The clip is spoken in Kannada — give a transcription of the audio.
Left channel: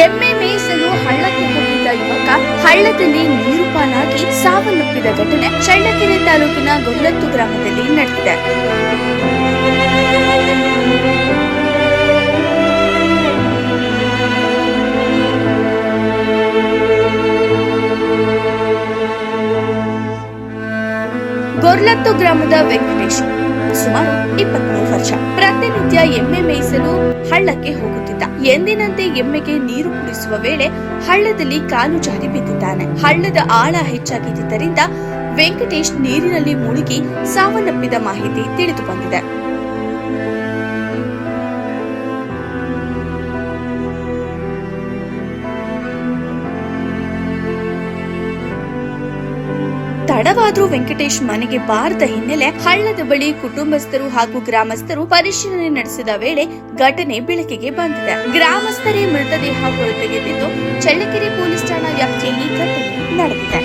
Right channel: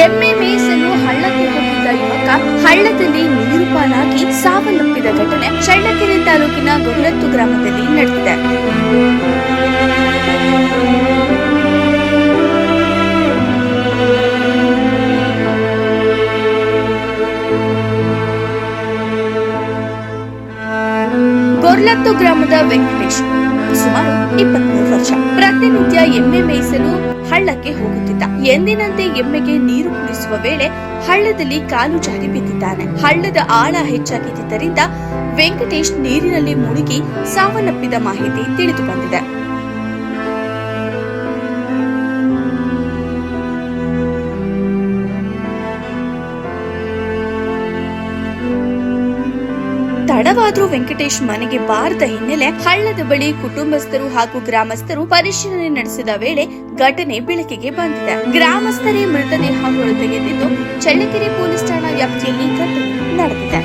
ಎಮ್ಮೆ ಮೇಯಿಸಲು ಹಳ್ಳಕ್ಕೆ ಹೋಗಿದ್ದ ಯುವಕ ಹಳ್ಳದಲ್ಲಿ ನೀರು ಪಾಲಾಗಿ ಸಾವನ್ನಪ್ಪಿದ ಘಟನೆ ಚಳ್ಳಕೆರೆ ತಾಲೂಕಿನ ಗೊರ್ಲತ್ತು ಗ್ರಾಮದಲ್ಲಿ ನಡೆದಿದೆ. ಗೊರ್ಲತ್ತು ಗ್ರಾಮದ ವೆಂಕಟೇಶ್ ಸುಮಾರು 23 ವರ್ಷ. ಪ್ರತಿನಿತ್ಯ ಎಮ್ಮೆ ಮೇಯಿಸಲು ಹಳ್ಳಕ್ಕೆ ಹೋಗುತ್ತಿದ್ದ. ಎಂದಿನಂತೆ ಎಮ್ಮೆಗೆ ನೀರು ಕುಡಿಸುವ ವೇಳೆ ಹಳ್ಳದಲ್ಲಿ ಕಾಲು ಜಾರಿ ಬಿದ್ದಿದ್ದಾನೆ. ಹಳ್ಳದ ಆಳ ಹೆಚ್ಚಾಗಿದ್ದರಿಂದ ವೆಂಕಟೇಶ್ ನೀರಿನಲ್ಲಿ ಮುಳುಗಿ ಸಾವನ್ನಪ್ಪಿದ ಮಾಹಿತಿ ತಿಳಿದು ಬಂದಿದೆ. ತಡವಾದ್ರೂ ವೆಂಕಟೇಶ್ ಮನೆಗೆ ಬಾರದ ಹಿನ್ನೆಲೆ ಹಳ್ಳದ ಬಳಿ ಕುಟುಂಬಸ್ಥರು ಹಾಗೂ ಗ್ರಾಮಸ್ಥರು ಪರಿಶೀಲನೆ ನಡೆಸಿದ ವೇಳೆ ಘಟನೆ ಬೆಳಕಿಗೆ ಬಂದಿದೆ. ಗ್ರಾಮಸ್ಥರೇ ಮೃತದೇಹ ಹೊರತೆಗೆದಿದ್ದು ಚಳ್ಳಕೆರೆ ಪೊಲೀಸ್ ಠಾಣಾ ವ್ಯಾಪ್ತಿಯಲ್ಲಿ ಘಟನೆ ನಡೆದಿದೆ.